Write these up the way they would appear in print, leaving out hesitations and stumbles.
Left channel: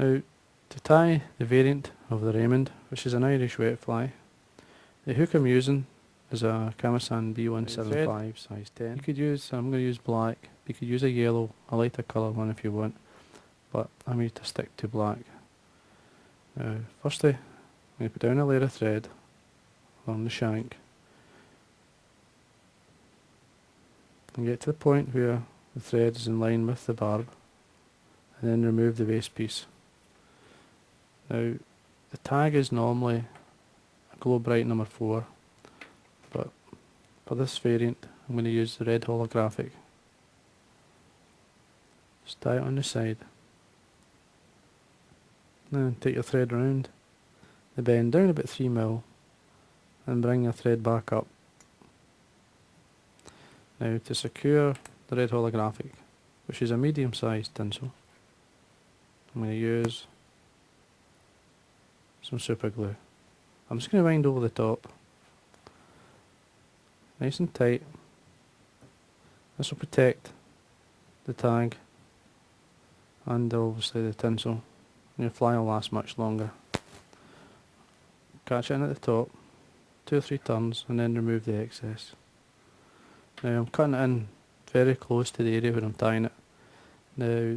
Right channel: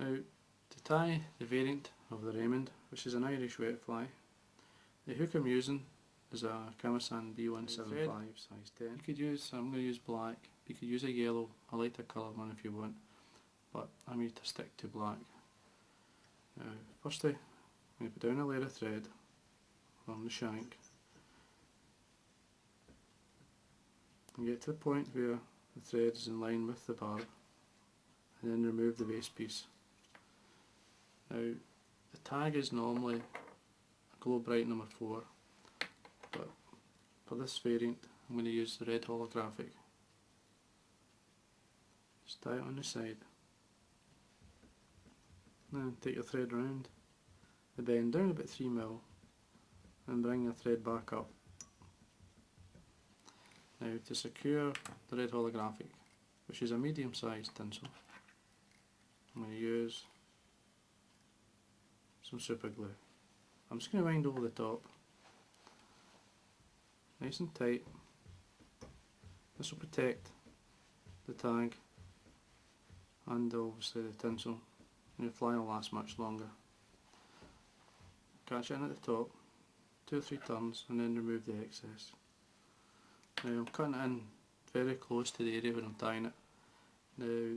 Now, to tie the variant of the Raymond, which is an Irish wet fly, the hook I'm using is a Kamasan B175 size 10. You could use, I'm going to use black, you could use a yellow, a lighter colour one if you want, but I'm going to stick to black. Now, firstly, I'm going to put down a layer of thread on the shank and get to the point where the thread is in line with the barb, and then remove the waste piece. Now, the tag is normally a Glow Bright number 4, but for this variant I'm going to use the red holographic. Just tie it on the side. Now take your thread round the bend down about 3mm and bring your thread back up. Now to secure the red holographic, which is a medium sized tinsel, I'm going to use some super glue. I'm just going to wind over the top, nice and tight. This will protect the tag and obviously the tinsel, and your fly will last much longer. Catch it in at the top, 2 or 3 turns, and then remove the excess. Now I'm cutting it in very close to the area where I'm tying it. Now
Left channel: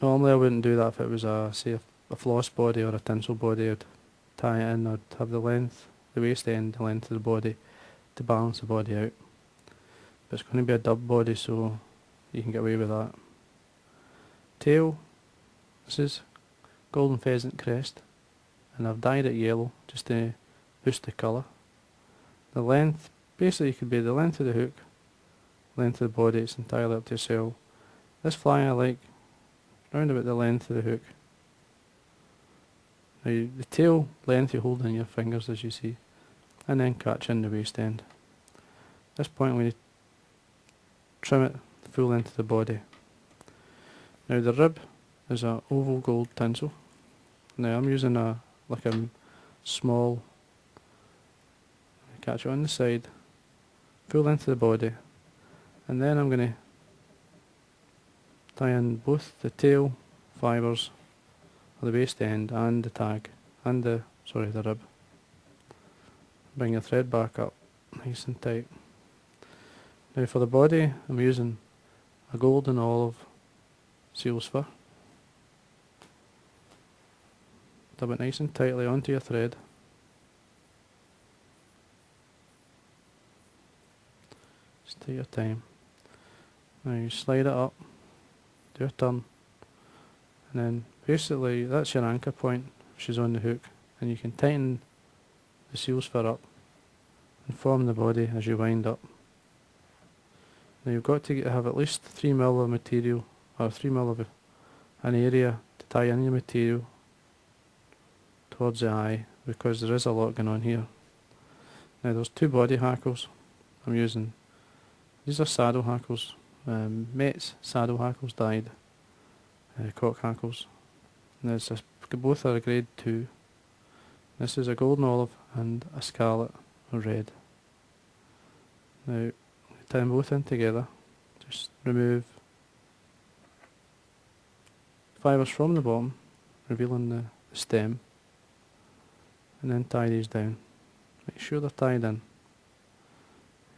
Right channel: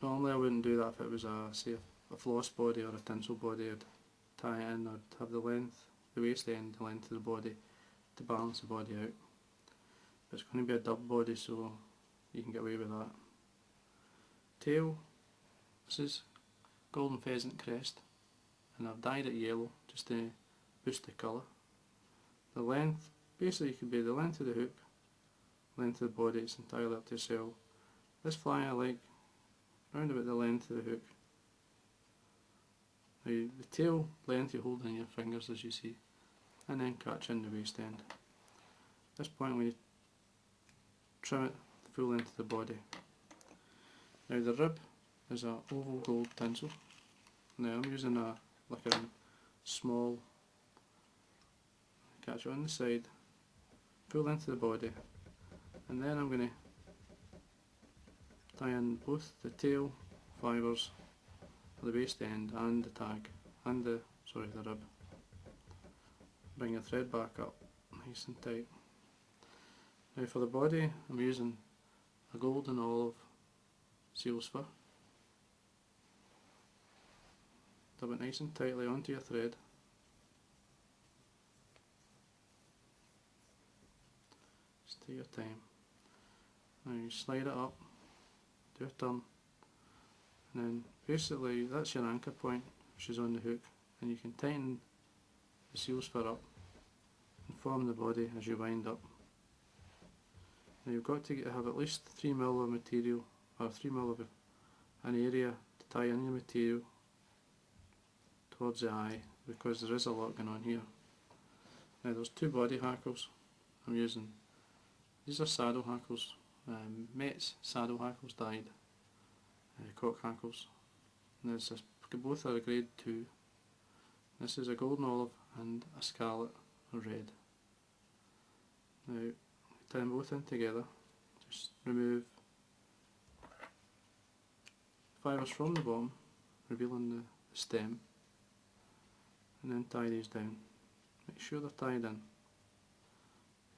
normally I wouldn't do that if it was say a floss body or a tinsel body. I'd tie it in, I'd have the length, the waist end, the length of the body to balance the body out. But it's going to be a dub body, so you can get away with that. Tail, this is golden pheasant crest, and I've dyed it yellow just to boost the colour. The length, basically could be the length of the hook, length of the body, it's entirely up to yourself. This fly I like round about the length of the hook. Now the tail length you hold in your fingers as you see, and then catch in the waist end. At this point I'm going to trim it the full length of the body. Now the rib is a oval gold tinsel. Now I'm using a small, catch it on the side, full length of the body, and then I'm going to tie in both the tail fibres of the waist end and the tag, and the rib. Bring your thread back up nice and tight. Now for the body I'm using a gold and olive seal's fur. Dub it nice and tightly onto your thread. Just take your time. Now you slide it up, do a turn, and then basically that's your anchor point, which is on the hook, and you can tighten the seal's fur up and form the body as you wind up. Now you've got to have at least 3mm of material, or 3mm of an area to tie in your material towards the eye, because there is a lot going on here. Now there's 2 body hackles I'm using. These are saddle hackles, Met's saddle hackles dyed, cock hackles. And both are a grade 2. This is a golden olive and a scarlet or red. Now tie them both in together. Just remove fibres from the bottom, revealing the stem, and then tie these down. Make sure they're tied in.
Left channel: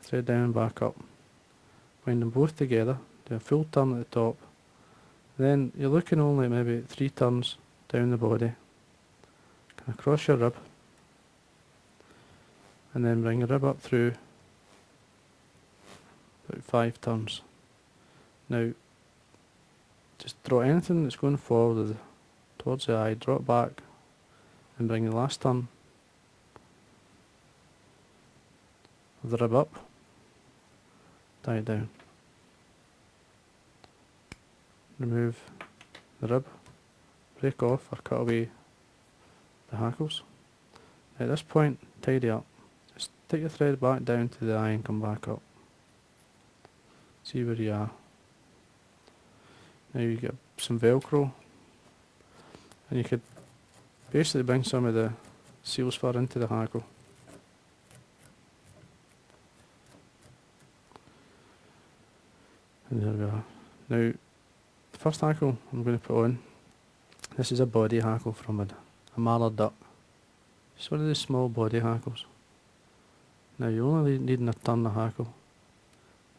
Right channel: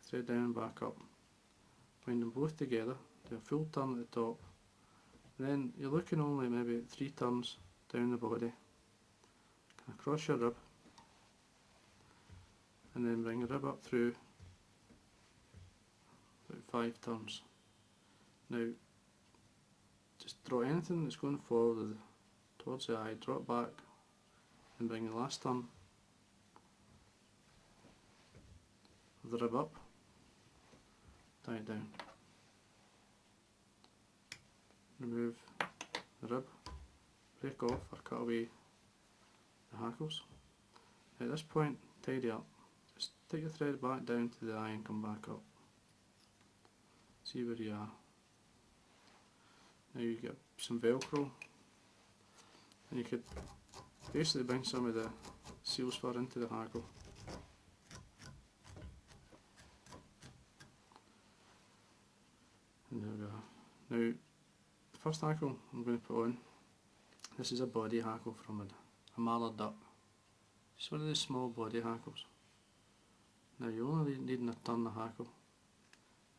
Thread down and back up. Wind them both together, do a full turn at the top. Then you're looking only at maybe 3 turns down the body. Kind of cross your rib, and then bring your rib up through about 5 turns. Now just draw anything that's going forward towards the eye, draw it back, and bring the last turn of the rib up, tie it down, remove the rib, break off or cut away the hackles. At this point, tidy up. Just take your thread back down to the eye and come back up. See where you are. Now you get some Velcro, and you could basically bring some of the seal's fur into the hackle. And there we are. Now, the first hackle I'm going to put on, this is a body hackle from a mallard duck. It's one of the small body hackles. Now you only need to turn the hackle.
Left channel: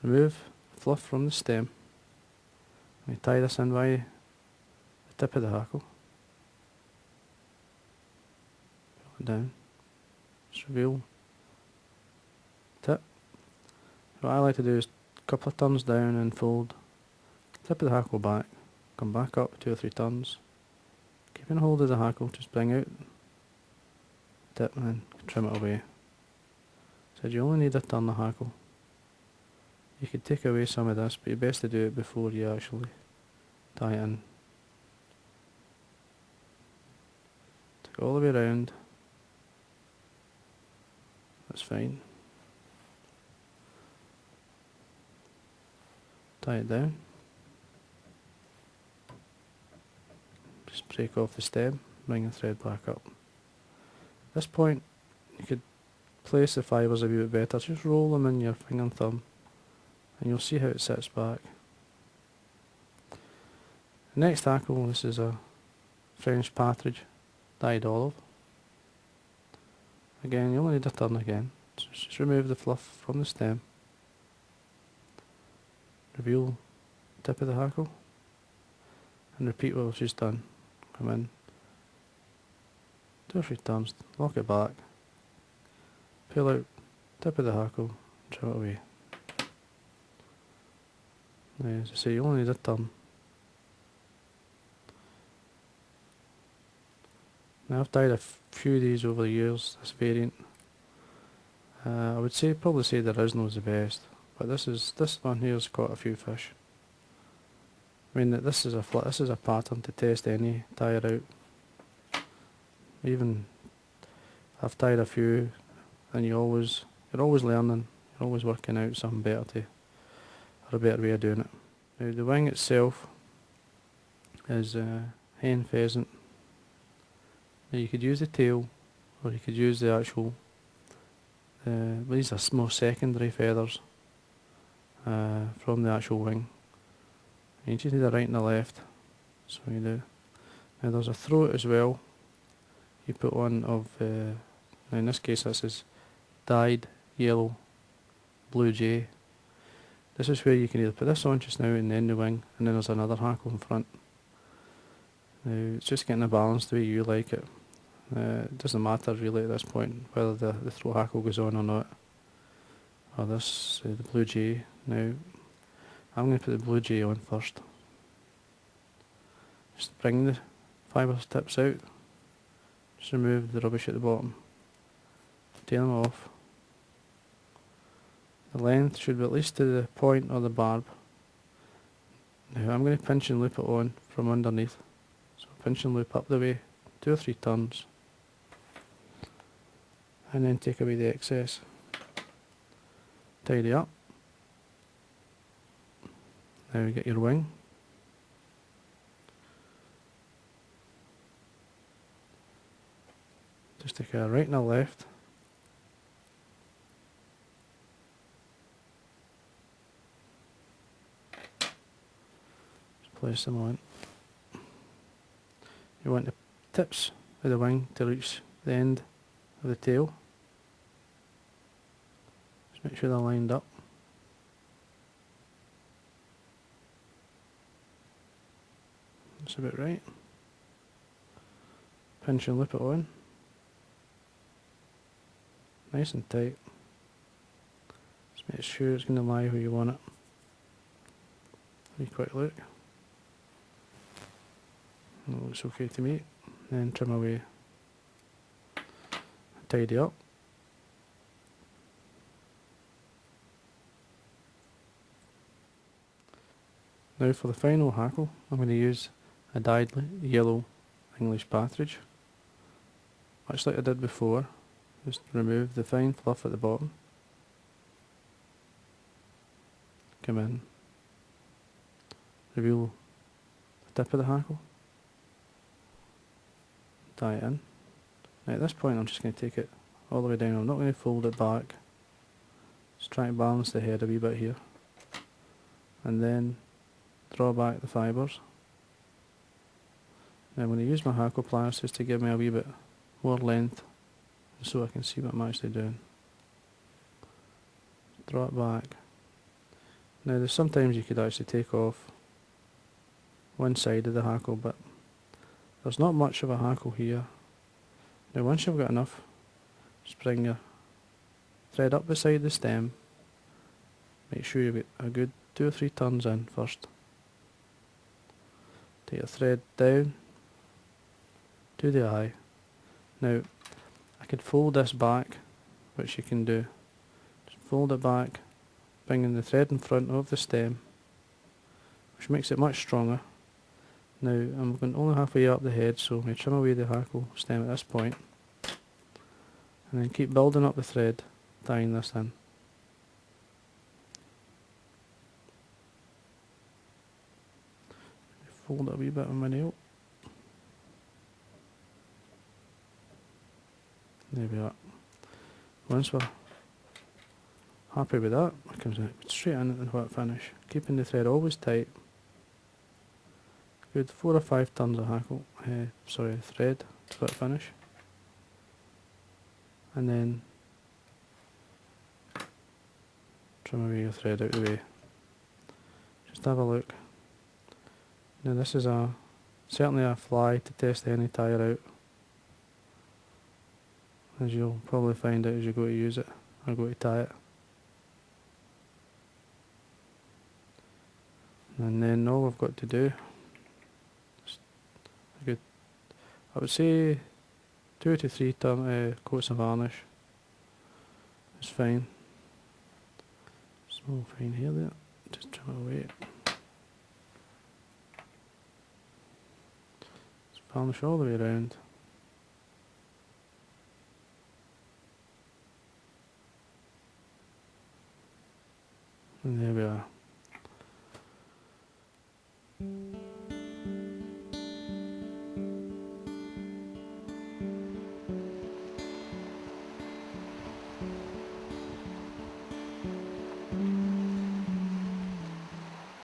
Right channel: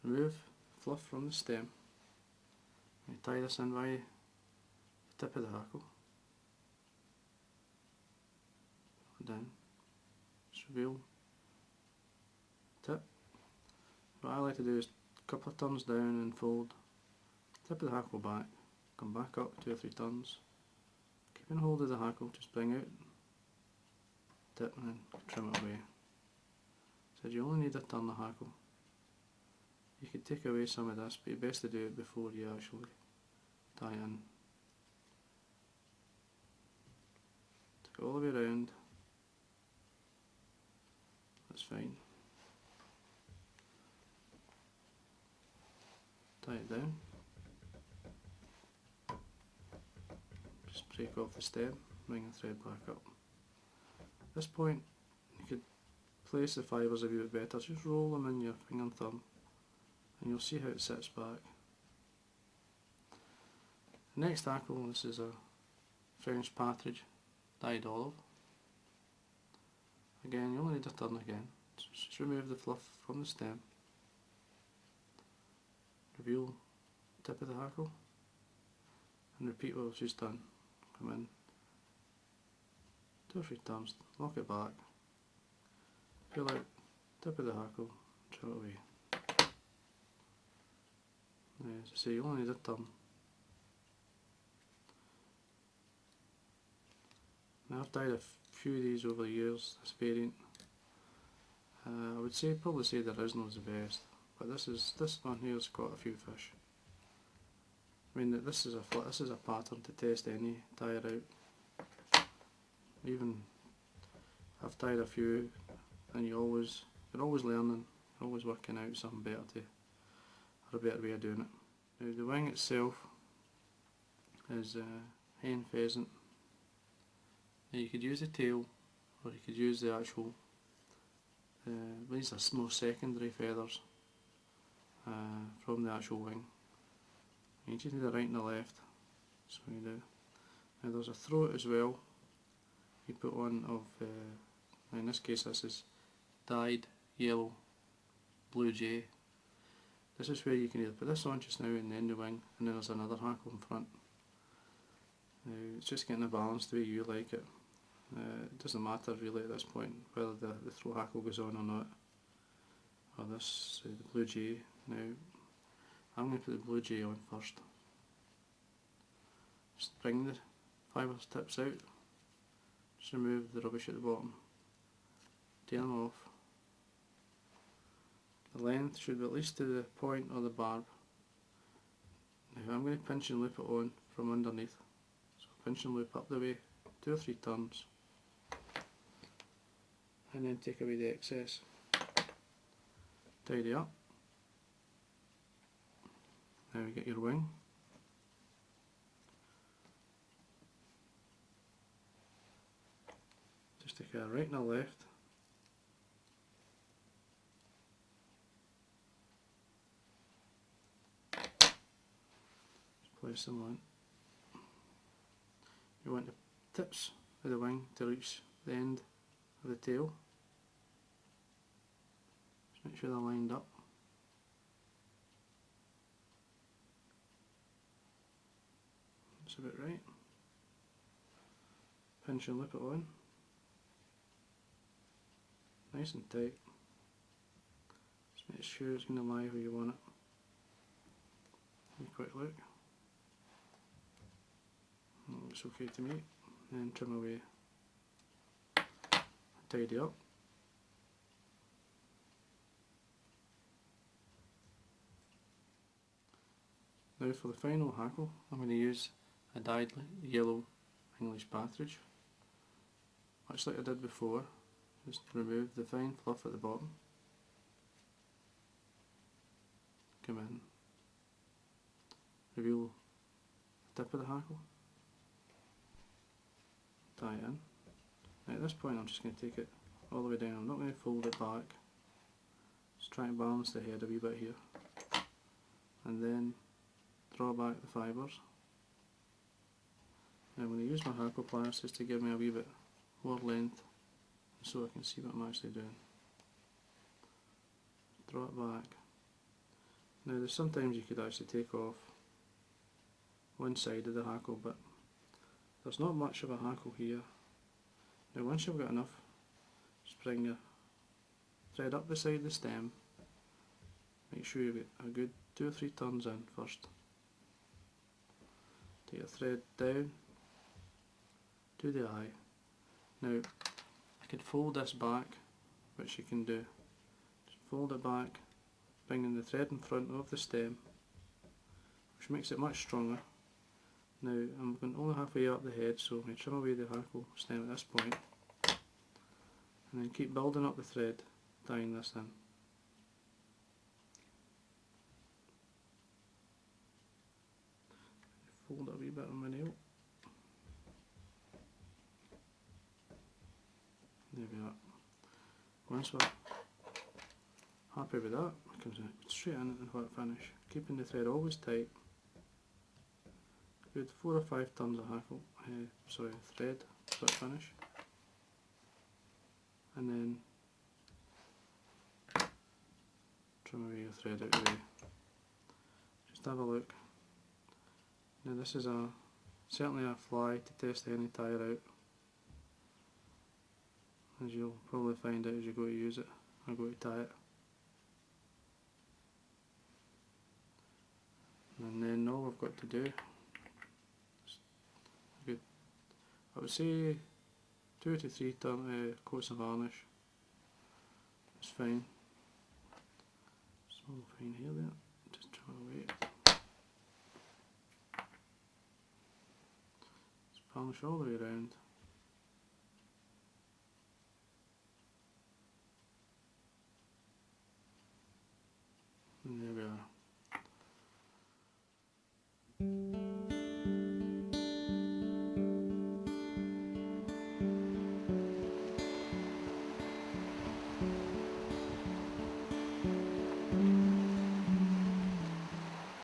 Remove fluff from the stem. And you tie this in by the tip of the hackle. Pull it down. Just reveal tip. What I like to do is a couple of turns down and fold tip of the hackle back. Come back up 2 or 3 turns. Keeping hold of the hackle, just bring out tip and then trim it away. So you only need to turn the hackle. You could take away some of this, but you're best to do it before you actually tie it in. Take it all the way around. That's fine. Tie it down. Just break off the stem, bring the thread back up. At this point, you could place the fibres a wee bit better. Just roll them in your finger and thumb, and you'll see how it sits back. The next hackle, this is a French partridge, dyed olive. Again, you only need to turn again. So just remove the fluff from the stem. Reveal the tip of the hackle, and repeat what we've just done. Come in 2 or 3 turns, lock it back, pull out tip of the hackle, trim it away. Now, as I say, you only need a turn. Now I've dyed a few of these over the years, this variant. I would probably say the original is the best, but this one here has caught a few fish. I mean, this is a pattern to test any tire out. Even I've tied a few, and you're always learning, you're always working out something better or a better way of doing it. Now the wing itself is hen pheasant. Now you could use the tail, or you could use the actual. These are more secondary feathers from the actual wing. You just need a right and a left, so you do. Now there's a throat as well. You put on of, now in this case this is dyed yellow blue jay. This is where you can either put this on just now and then the wing, and then there's another hackle in front. Now it's just getting the balance the way you like it. It doesn't matter really at this point whether the throat hackle goes on or not. Or this, the blue jay. Now I'm going to put the blue jay on first. Just bring the fibre tips out. Just remove the rubbish at the bottom. Tail them off. The length should be at least to the point of the barb. Now I'm going to pinch and loop it on from underneath. So pinch and loop up the way, 2 or 3 turns. And then take away the excess. Tidy up. Now you get your wing. Just take a right and a left. Just place them on. You want the tips of the wing to reach the end of the tail. Just make sure they're lined up. That's about right. Pinch and loop it on. Nice and tight. Just make sure it's going to lie where you want it. Have a quick look. It looks okay to me. Then trim away. Tidy up. Now for the final hackle, I'm going to use a dyed yellow English partridge. Much like I did before, just remove the fine fluff at the bottom. Come in, reveal the tip of the hackle, tie it in. Now at this point I'm just going to take it all the way down. I'm not going to fold it back, just try to balance the head a wee bit here, and then draw back the fibres. Now I'm going to use my hackle pliers just to give me a wee bit more length so I can see what I'm actually doing. Draw it back. Now there's sometimes you could actually take off one side of the hackle, but there's not much of a hackle here. Now once you've got enough, just bring your thread up beside the stem. Make sure you get a good 2 or 3 turns in first. Take your thread down to the eye. Now I could fold this back, which you can do. Just fold it back, bringing the thread in front of the stem, which makes it much stronger. Now I'm going only halfway up the head, so I'm going to trim away the hackle stem at this point, and then keep building up the thread, tying this in. Fold it a wee bit with my nail. There we are. Once we're happy with that, it comes straight in and whip finish, keeping the thread always tight. Good 4 or 5 turns of thread to whip finish, and then trim away your thread out of the way. Just have a look. Now this is certainly a fly to test any tyre out, as you'll probably find out as you go to use it or go to tie it. And then all we've got to do is I would say 2 to 3 coats of varnish is fine. Small fine hair there, just trim it away. Just varnish all the way around.